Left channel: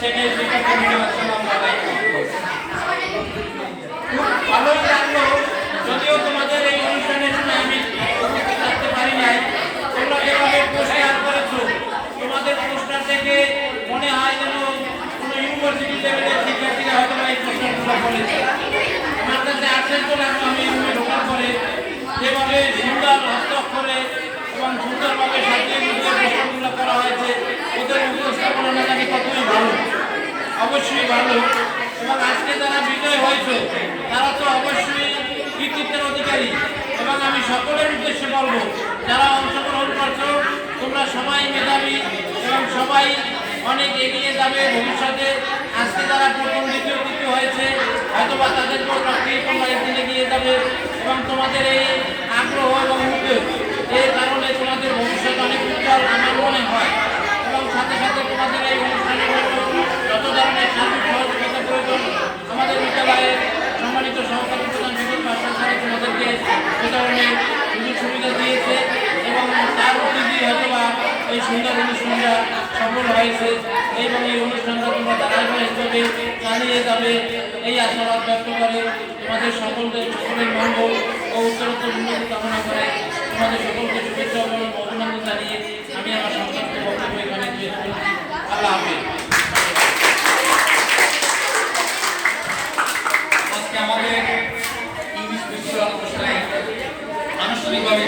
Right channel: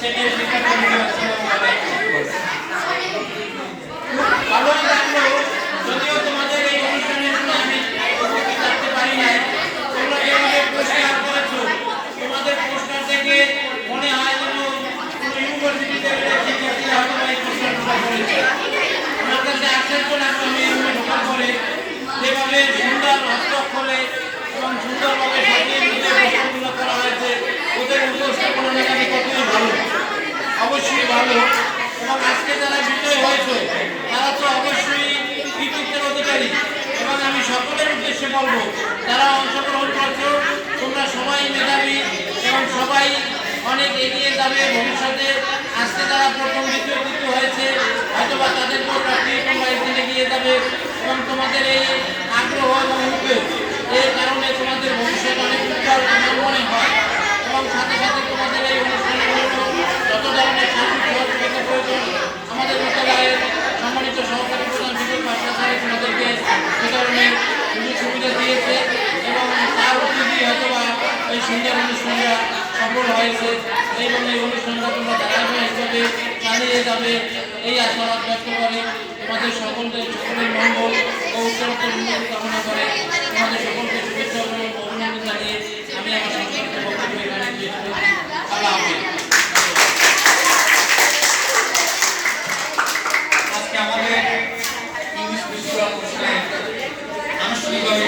Second শিক্ষার্থী আসসালামু আলাইকুম। ভালোই লাগলো, যদিও তোমাদের এই অনুষ্ঠানের জন্য আমি উপস্থিত থাকতে পারি নাই। তোমরা যেভাবে পুরস্কার করেছো, তোমাদের পুরস্কার থেকে মনে হয় যেন কোনো ইউনিভার্সিটি লেভেলের শিক্ষার্থীরা হয়তো এই পুরস্কারগুলো করেছে। আমার কাছে আশ্চর্য লাগলো, আমি রুমে ঢোকার পরে যেভাবে সুন্দর হস্তাক্ষরে এবং সুন্দরভাবে সাজিয়ে গুছিয়ে প্রশ্নগুলো করা হয়েছে, ওদের উপস্থাপনা না জানি কতই ভালো, অবশ্যই ভালো। এবং আজকে যারা বিজয় হয়েছে তারা তো অবশ্যই কৃতিত্বের অধিকারী। এবং আমি সকলের উদ্দেশ্যে বলবো, যারা অংশগ্রহণ করছো তোমরা সবাই মেধাবী এবং সবাই অনেক এগিয়ে যাবে ভবিষ্যতে। আজকে যারা প্রথম দ্বিতীয় তৃতীয় হয়েছে হয়তোবা তাদেরকেও প্রাপ্তিয়ে তোমরা একদিন এগিয়ে যাবে এবং তোমাদের এই আগ্রহ এবং উদ্যোগ এই কারণে তোমাদের ভবিষ্যৎ অনেক উজ্জ্বল আমার মনে হয়। এবং সাথে সাথে তোমাদের এই অনুষ্ঠানের জন্য যত ধরনের সার্বিক সহযোগিতা প্রয়োজন আমাদের বিদ্যালয়ের সম্মানিত সহকারী প্রধান বিপুল পাশা স্যার তোমাদেরকে এ ধরনের সুযোগ সুবিধা দিয়েছে এবং তার অতিথি হয়তোবা এই সুন্দর অনুষ্ঠানটা সফল হয়েছে এবং এই অনুষ্ঠানটা তোমরা ধারাবাহিকভাবে চালিয়ে যাবে এই আশাবাদ ব্যক্ত করে তোমাদের সকলের মঙ্গল ও উত্তরোত্তর উন্নতি কামনা করে তোমাদের সকলকে শুভেচ্ছা এবং অভিনন্দন জানিয়ে আমি আমার সংক্ষিপ্ত বক্তব্য এখানে শেষ করছি। আল্লাহ হাফেজ। আজকে আমাদের ইংলিশ বিশ্ববিদ্যালয় অনুষ্ঠানে আনুষ্ঠানিকভাবে